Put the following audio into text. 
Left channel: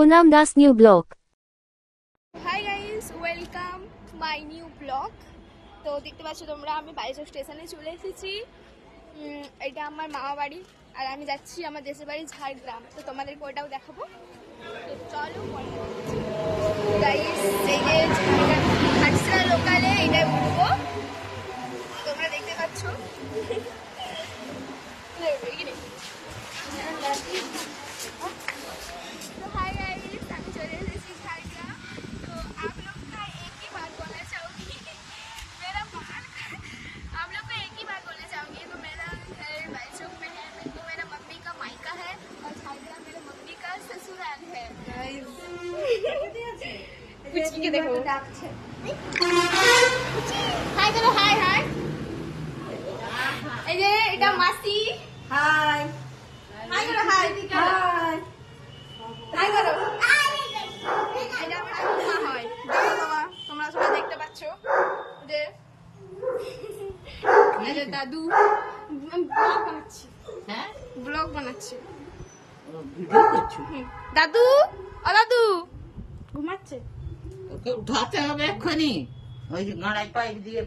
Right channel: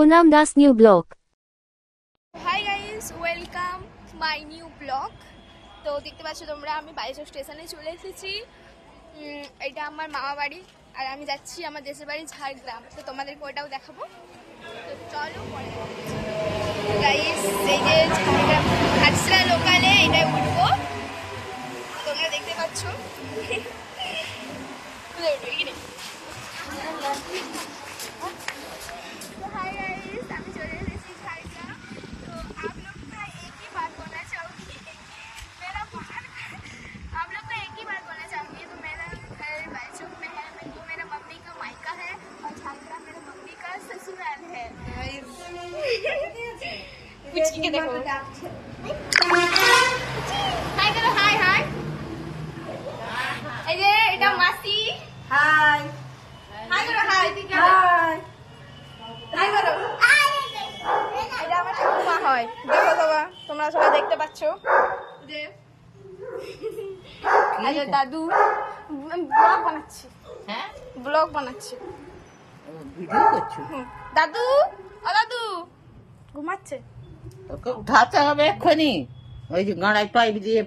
Poonam Das new blog. Hi guys, welcome my new blog. তো দেখতে পাচ্ছ তোমরা, আমি বাইশো স্টেশনে চলে এসেছি। এটা আমার মামা বাড়ি, আর আমি যাচ্ছি আমার দেশের বাড়ি ঝাড়গ্রাম। তো তোমাদেরকে ওটাও দেখাবো, তো চলো পরে গাইস। এই যে ঝাড়গ্রাম ঘাটসরা লোকালে এটা উঠবো, তোমরা দেখতে পাচ্ছ। হাই করো, হাই হাই। এই যে এটা মাসি। হাই হাই করো, হাই হাই হাই করো। এটা আমার ঠাকুমা হয়, দেখো বাবা, তোমরা সবাই দেখতে পাচ্ছ যে। আচ্ছা দাদু, ব্লগ বানাচ্ছি। হ্যাঁ ব্লগ বানাচ্ছি। ভিডিও করছো? দাদু, ও দাদু ঘুমাচ্ছে। ওকে উঠাতে হবে এক্ষুনি, ওই যে গাঁড়ায় পাইপ দিয়ে